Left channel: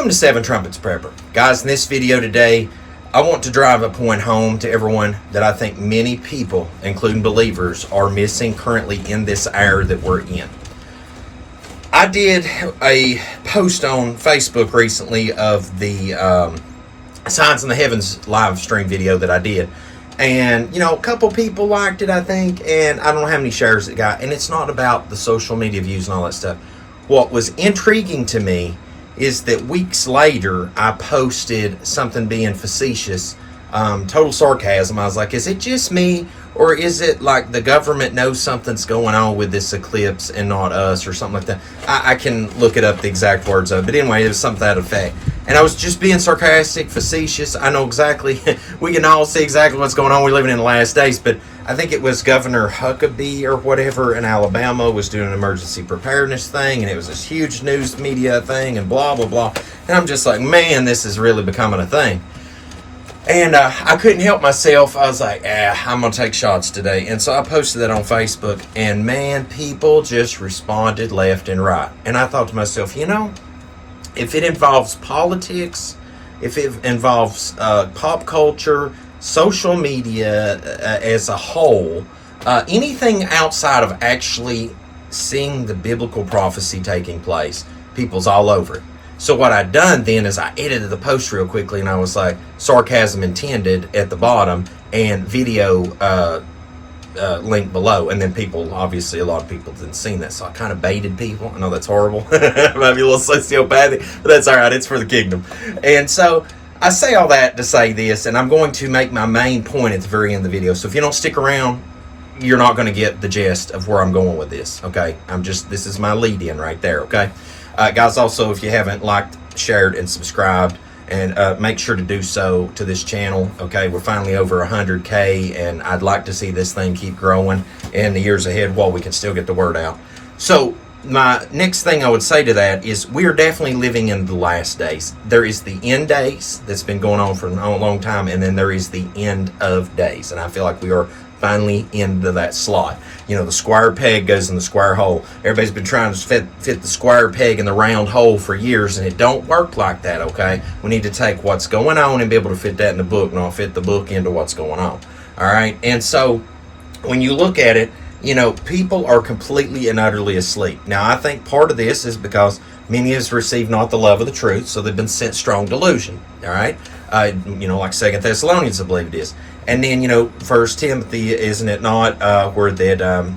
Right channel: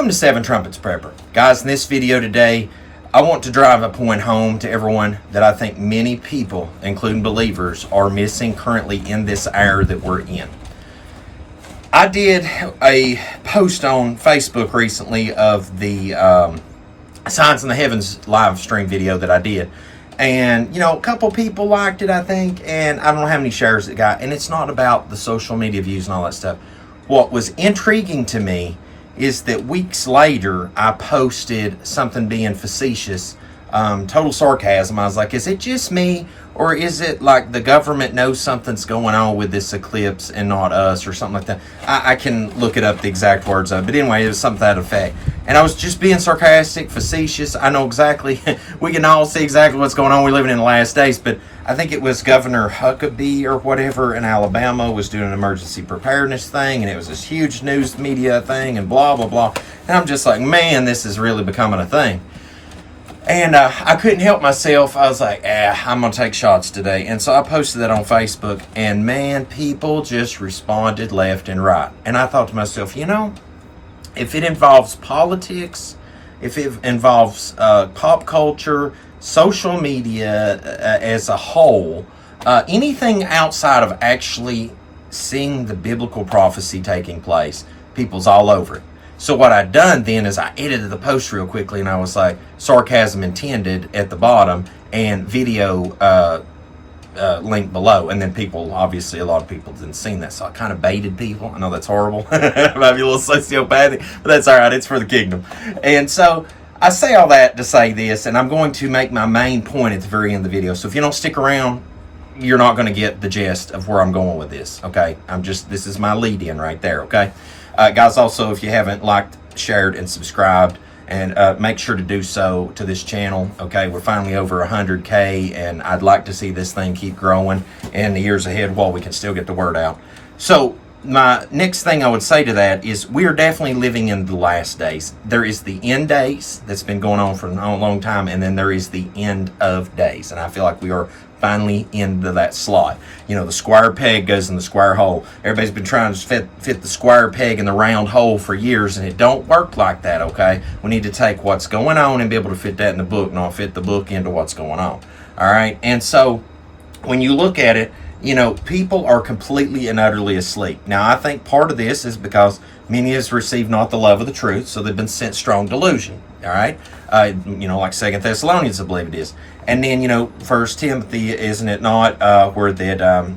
Welcome to Seven Trumpets Prepper. Guys, in this video today, I want to drive a point home to everyone that I think many people, including believers, are missing currently in this era that we're in. I did a post on Facebook recently of the Signs in the Heavens live stream video that I did. And, a couple people liked it, I think, and I don't know how many shares it got. And it's not about the social media views and all that stuff. What was intriguing to me is that weeks later, I posted something being facetious, total sarcasm. I was like, is it just me, or is it like the government knows something's going on with this eclipse and not us, or something like that? I can look it up, the exact words of it. But anyway, it was something to that effect. And I was just being sarcastic, facetious. I know exactly, we can all see exactly what's going on. We're living in the last days, but I think it was Governor Huckabee or whatever in Alabama was doing an emergency preparedness thing, and it was this huge news media thing and blah, blah, blah. And I'm just like, man, this is really becoming a thing. And I couldn't help myself. I was like, I'm going to take shots today. And so I posted that on Facebook, and man, people just responded left and right. And I thought to myself, if it involves politics, if it involves pop culture, social media as a whole, anything outside of actually seeing the biblical prophecy taking place, people's all over it. So what I'd done then is I edited the post real quickly, and I was like, sarcasm intended at the bottom and video link below. And then people, obviously a lot of people didn't see that, so I kind of baited people. I know that's horrible. Maybe a little sociopathic, but that's all right. It's for the kingdom. And so I say all that to say this, and I'm going to make my main point at the very end of the video. So if you don't stick around, you're not going to get the gist of where I'm going with this, okay? This is my lead in right there, okay? Guys, also, if you haven't liked, shared, and subscribed, and make sure to do so to this channel, okay? We're finally over 100K, and I'd like to see this thing keep growing in the years ahead while we can still get the word out. So my next thing I would say to that is we are definitely living in the last days. There is the end days that's been going on for a long time, and then there is the end of days. And I feel like we are finally into that slot. The square peg goes in the square hole. Everybody's been trying to fit the square peg in the round hole for years, and it don't work like that, okay? We need to take what's going on and be able to fit that in the book, not fit the book into what's going on, all right? And so when you look at it, people are completely and utterly asleep. Now, I think part of this is because many has received not the love of the truth, so they've been sent strong delusion, all right? Like 2 Thessalonians, I believe it is. And then, 1 Timothy, isn't it not, where that,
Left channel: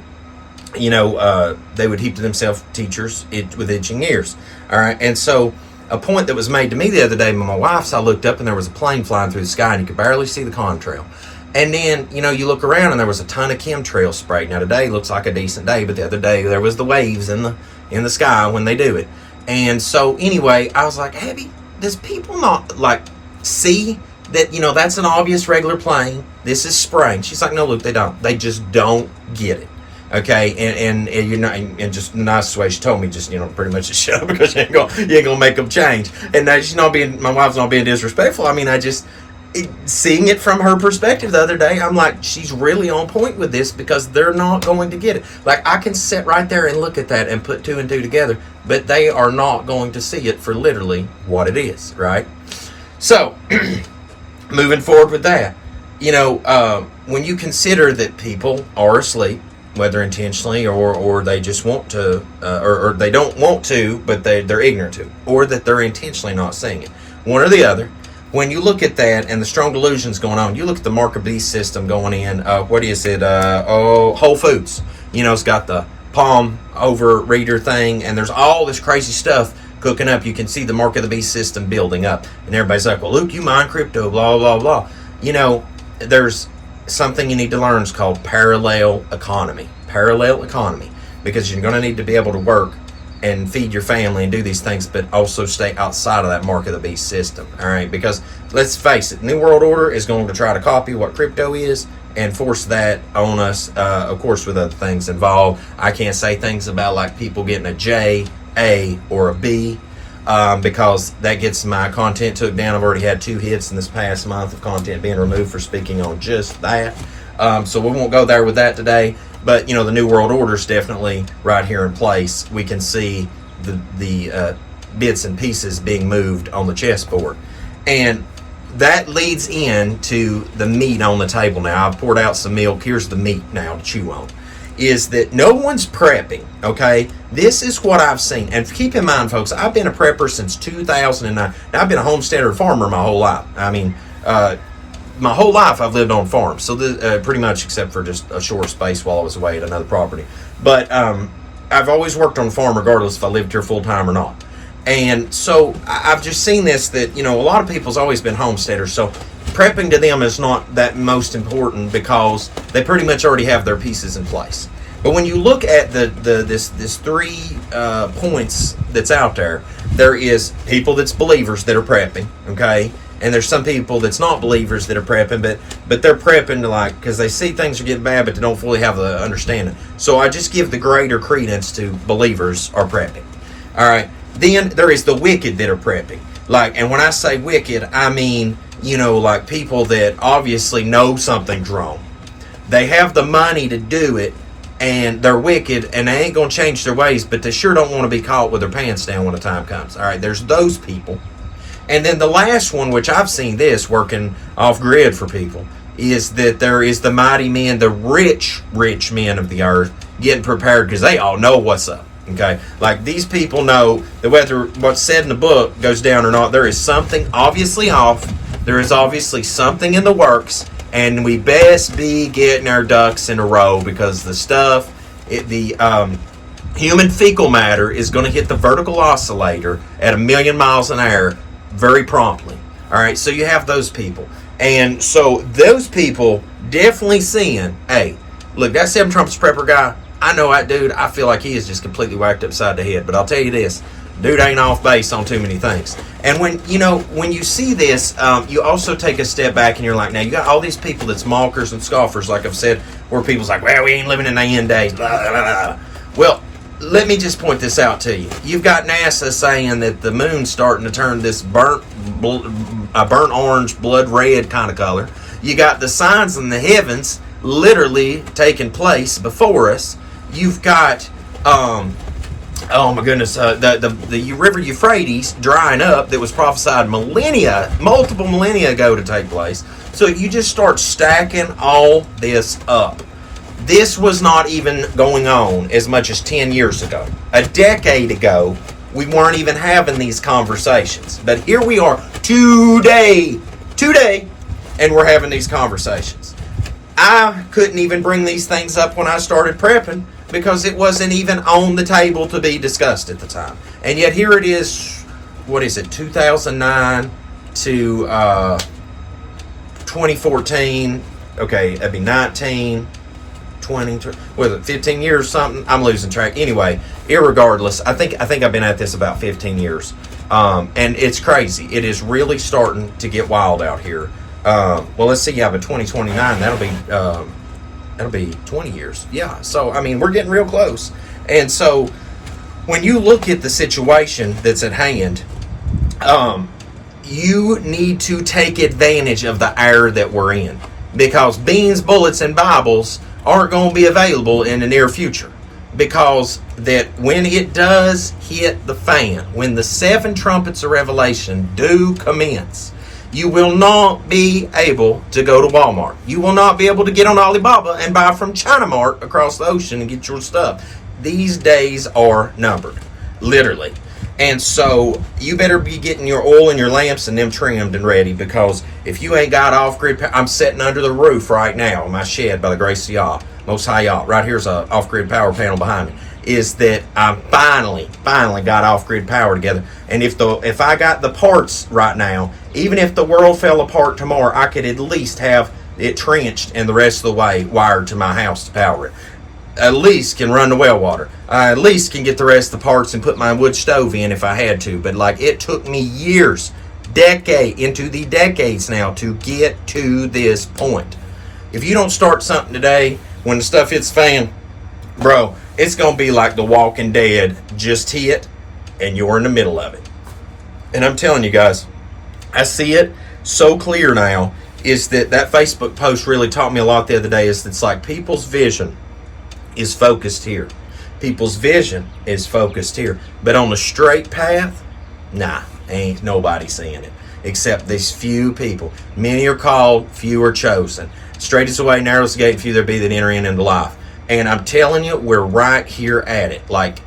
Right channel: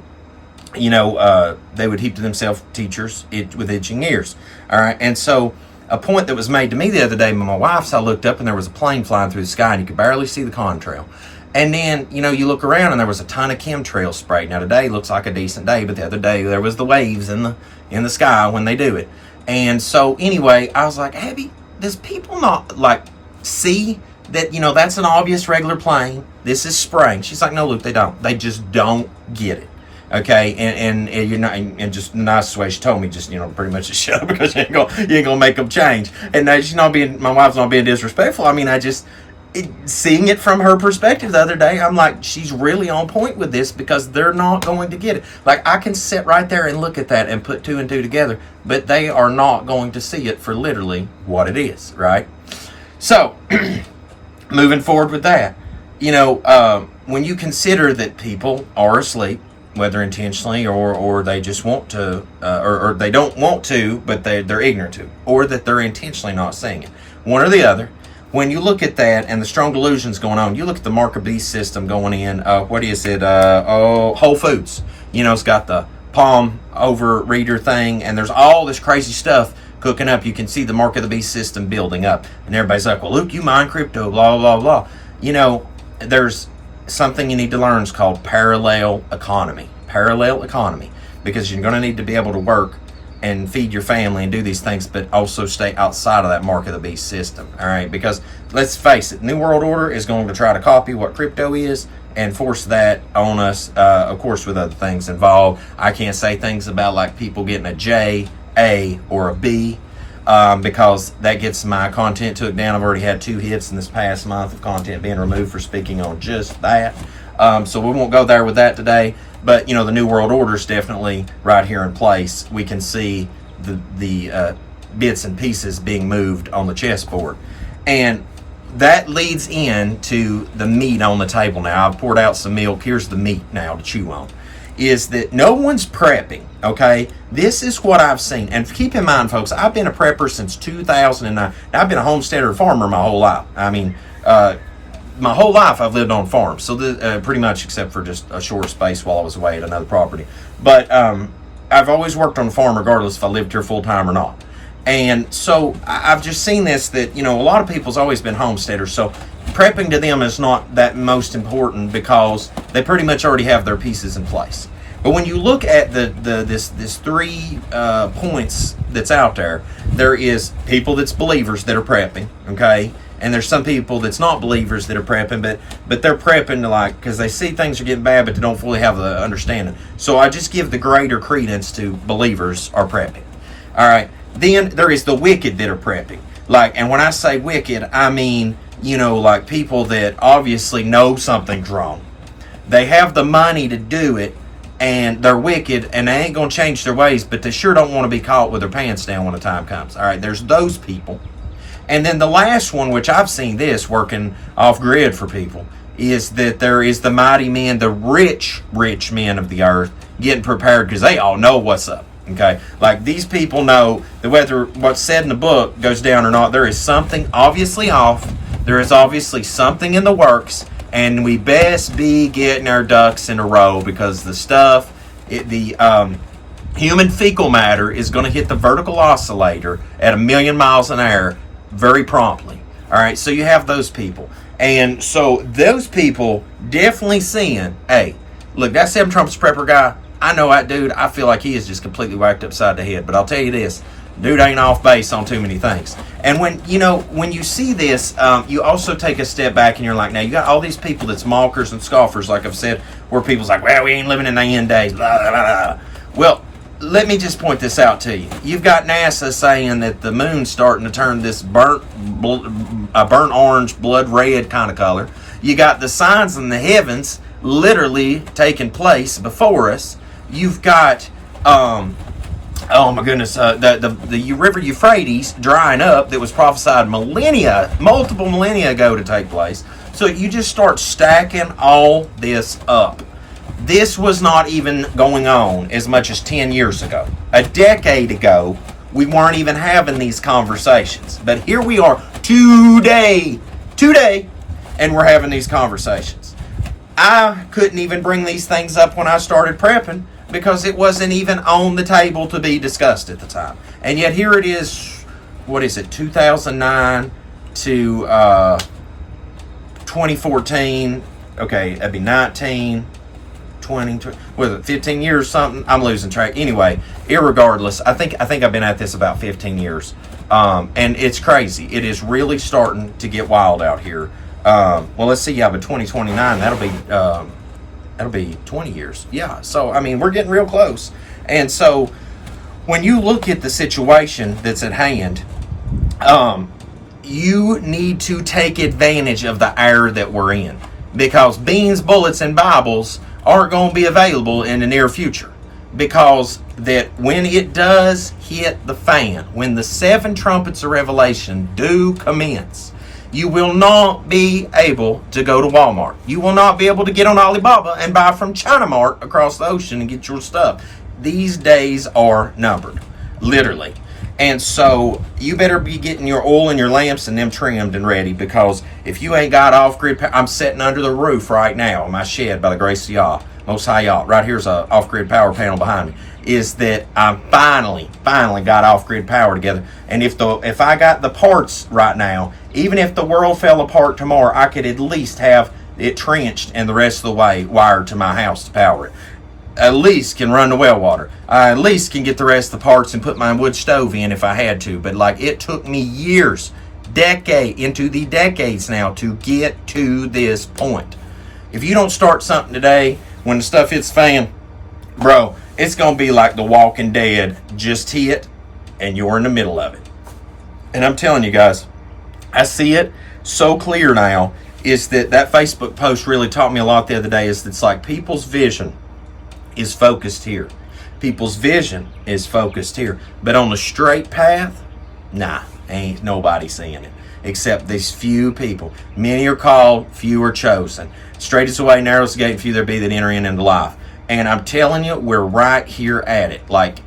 they would heap to themselves teachers with itching ears, all right? And so a point that was made to me the other day by my wife, so I looked up and there was a plane flying through the sky and you could barely see the contrail. And then, you look around and there was a ton of chemtrail sprayed. Now today looks like a decent day, but the other day there was the waves in the sky when they do it. And so anyway, I was like, Abby, does people not see that, that's an obvious regular plane? This is spraying. She's like, no, Luke, they don't. They just don't get it. Okay, and you're not, and just the nicest way she told me, just pretty much to shut up because you ain't gonna make them change. And she's not being, my wife's not being disrespectful. I mean, seeing it from her perspective the other day, I'm like, she's really on point with this because they're not going to get it. Like, I can sit right there and look at that and put 2 and 2 together, but they are not going to see it for literally what it is, right? So, moving forward with that, when you consider that people are asleep, whether intentionally or they just want to, or they don't want to, but they're ignorant to, or that they're intentionally not seeing it, one or the other. When you look at that and the strong delusions going on, you look at the mark of beast system going in, what is it? Whole Foods. It's got the palm over reader thing, and there's all this crazy stuff cooking up. You can see the mark of the beast system building up. And everybody's like, well, Luke, you mine crypto, blah, blah, blah. There's something you need to learn. It's called parallel economy. Parallel economy. Because you're going to need to be able to work and feed your family and do these things, but also stay outside of that mark of the beast system, all right? Because let's face it, New World Order is going to try to copy what crypto is and force that on us, of course, with other things involved. I can't say things about like people getting a J, A, or a B, because that gets my content took down. I've already had 2 hits in this past month of content being removed for speaking on just that. So we won't go there with that today. But, the New World Order is definitely right here in place. We can see the bits and pieces being moved on the chessboard. And that leads into the meat on the table now. I've poured out some milk. Here's the meat now to chew on. Is that no one's prepping, okay? This is what I've seen. And keep in mind, folks, I've been a prepper since 2009. Now, I've been a homesteader farmer my whole life. I mean, my whole life I've lived on farms. So pretty much except for just a short space while I was away at another property. But I've always worked on a farm regardless if I lived here full-time or not. And so I've just seen this, that, you know, a lot of people's always been homesteaders. So prepping to them is not that most important because they pretty much already have their pieces in place. But when you look at this 3 points that's out there, there is people that's believers that are prepping, okay? And there's some people that's not believers that are prepping, but they're prepping to, like, because they see things are getting bad, but they don't fully have the understanding. So I just give the greater credence to believers are prepping. All right. Then there is the wicked that are prepping. Like, and when I say wicked, I mean, you know, like people that obviously know something's wrong. They have the money to do it, and they're wicked, and they ain't going to change their ways, but they sure don't want to be caught with their pants down when the time comes. All right, there's those people. And then the last one, which I've seen this working off-grid for people, is that there is the mighty men, the rich men of the earth, getting prepared because they all know what's up. Okay, like these people know that whether what's said in the book goes down or not, there is something obviously off. There is obviously something in the works, and we best be getting our ducks in a row because the stuff, the human fecal matter is going to hit the vertical oscillator at 1,000,000 miles an hour very promptly. All right, so you have those people, and so those people definitely seeing, hey, look, that 7 Trumpets prepper guy. I know that dude, I feel like he is just completely whacked upside the head. But I'll tell you this, dude ain't off base on too many things. And when you see this, you also take a step back and you're like, now you got all these people that's mockers and scoffers, like I've said, where people's like, well, we ain't living in the end days, blah, blah, blah. Well, let me just point this out to you. You've got NASA saying that the moon's starting to turn this burnt orange, blood red kind of color. You got the signs in the heavens literally taking place before us. You've got, oh my goodness, the river Euphrates drying up that was prophesied multiple millennia ago to take place. So you just start stacking all this up. This was not even going on as much as 10 years ago. A decade ago, we weren't even having these conversations. But here we are today, and we're having these conversations. I couldn't even bring these things up when I started prepping because it wasn't even on the table to be discussed at the time. And yet here it is, 2009 to 2014. Okay, that'd be 19, 20, was it 15 years something? I'm losing track. Anyway, irregardless, I think I've been at this about 15 years. And it's crazy. It is really starting to get wild out here. Well, let's see. Yeah, but 2029, that'll be 20 years. Yeah. So, I mean, we're getting real close. And so when you look at the situation that's at hand, you need to take advantage of the era that we're in, because beans, bullets, and Bibles aren't going to be available in the near future, because that when it does hit the fan, when the 7 trumpets of Revelation do commence, you will not be able to go to Walmart. You will not be able to get on Alibaba and buy from China Mart across the ocean and get your stuff. These days are numbered, literally. And so you better be getting your oil and your lamps and them trimmed and ready, because if you ain't got off-grid power, I'm sitting under the roof right now in my shed by the grace of Yah, Most High Yah. Right here's a off-grid power panel behind me. Is that I finally got off-grid power together. And if I got the parts right now, even if the world fell apart tomorrow, I could at least have it trenched and the rest of the way wired to my house to power it. At least can run the well water. I at least can get the rest of the parts and put my wood stove in if I had to. But like, it took me years, into the decades now, to get to this point. If you don't start something today, when the stuff hits the fan, bro, it's going to be like The Walking Dead just hit and you're in the middle of it. And I'm telling you guys, I see it so clear now. Is that Facebook post really taught me a lot the other day. Is it's like people's vision is focused here. People's vision is focused here. But on the straight path, Nah, ain't nobody seeing it except these few people. Many are called, few are chosen. Straight is the way, narrow is the gate, and few there be that enter in into life. And I'm telling you, we're right here at it. Like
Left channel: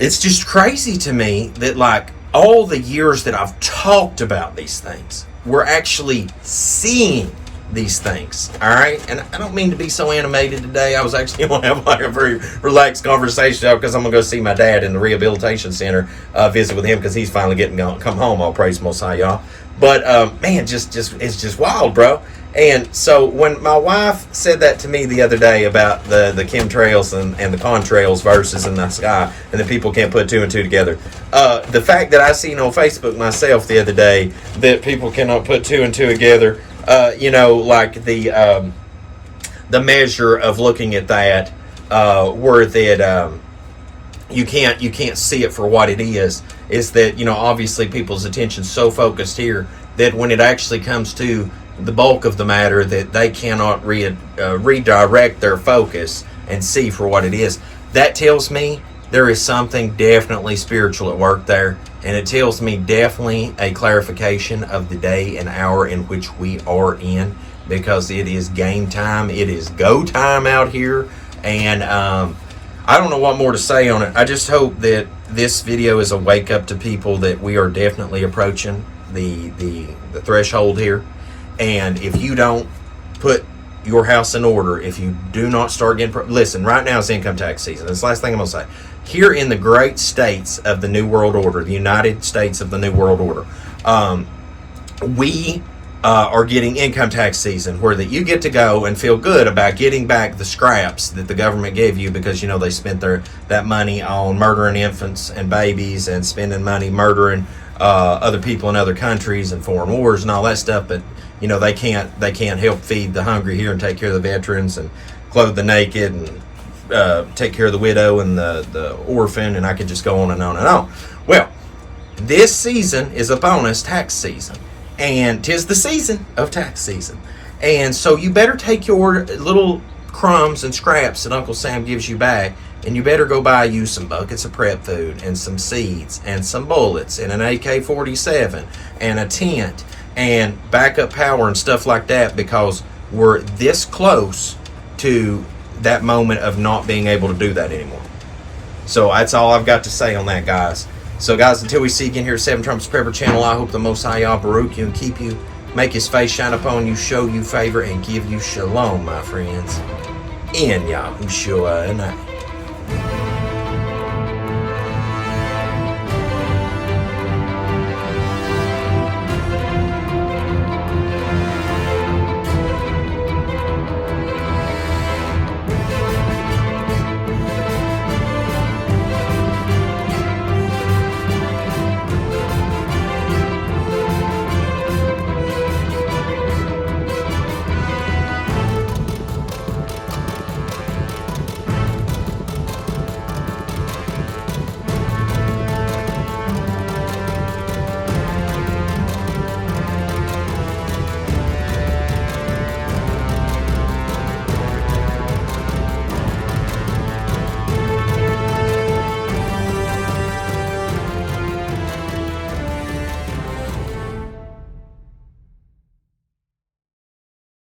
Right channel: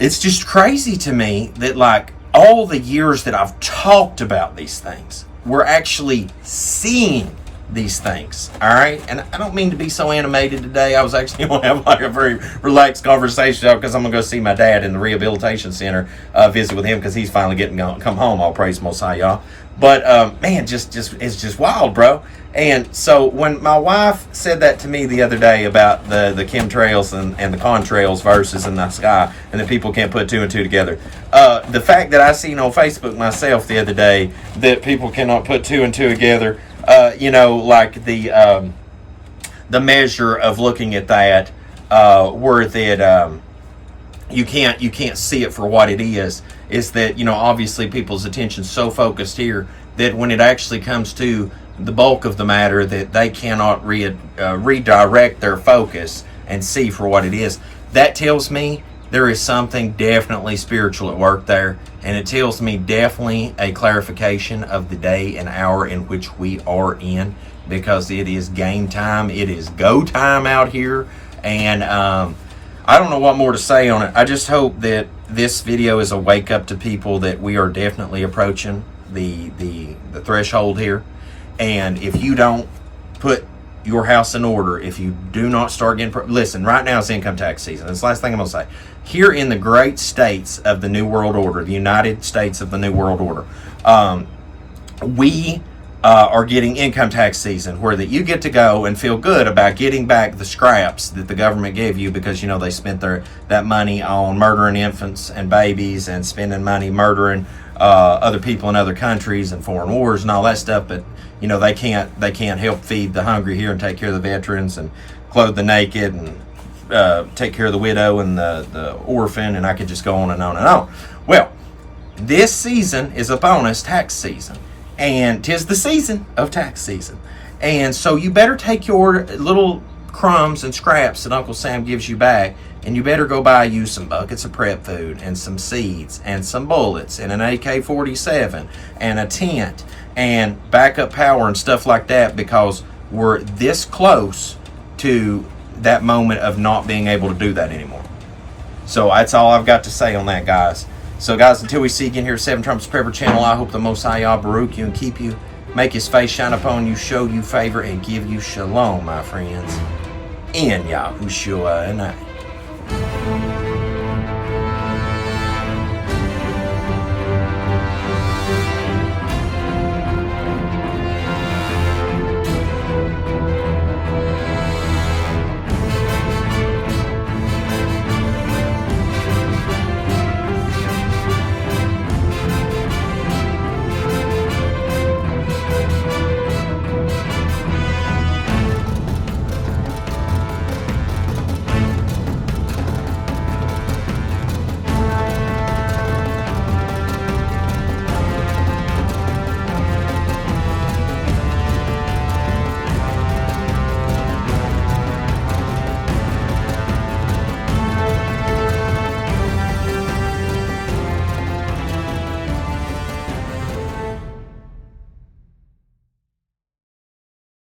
it's just crazy to me that like all the years that I've talked about these things, we're actually seeing these things. All right. And I don't mean to be so animated today. I was actually going to have like a very relaxed conversation because I'm going to go see my dad in the rehabilitation center, visit with him because he's finally getting come home. All praise Most High, y'all. But man, just it's just wild, bro. And so when my wife said that to me the other day about the chemtrails and the contrails verses in the sky, and that people can't put two and two together, the fact that I seen on Facebook myself the other day that people cannot put two and two together, like the measure of looking at that, where that you can't see it for what it is that obviously people's attention's so focused here that when it actually comes to the bulk of the matter, that they cannot redirect their focus and see for what it is. That tells me there is something definitely spiritual at work there, and it tells me definitely a clarification of the day and hour in which we are in, because it is game time, it is go time out here, and I don't know what more to say on it. I just hope that this video is a wake up to people that we are definitely approaching the threshold here. And if you don't put your house in order, if you do not start getting... Listen, right now it's income tax season. That's the last thing I'm going to say. Here in the great states of the New World Order, the United States of the New World Order, we are getting income tax season, where that you get to go and feel good about getting back the scraps that the government gave you because, they spent that money on murdering infants and babies and spending money murdering other people in other countries and foreign wars and all that stuff. But they can't help feed the hungry here and take care of the veterans and clothe the naked and take care of the widow and the orphan, and I could just go on and on and on. Well, this season is upon us, tax season, and 'tis the season of tax season. And so you better take your little crumbs and scraps that Uncle Sam gives you back, and you better go buy you some buckets of prep food and some seeds and some bullets and an AK-47 and a tent and backup power and stuff like that, because we're this close to that moment of not being able to do that anymore. So that's all I've got to say on that, guys. So guys, until we see you again here at Seven Trumpets Prepper Channel, I hope the Most High Yah Baruch you and keep you, make his face shine upon you, show you favor, and give you shalom, my friends. In Yahushua and I.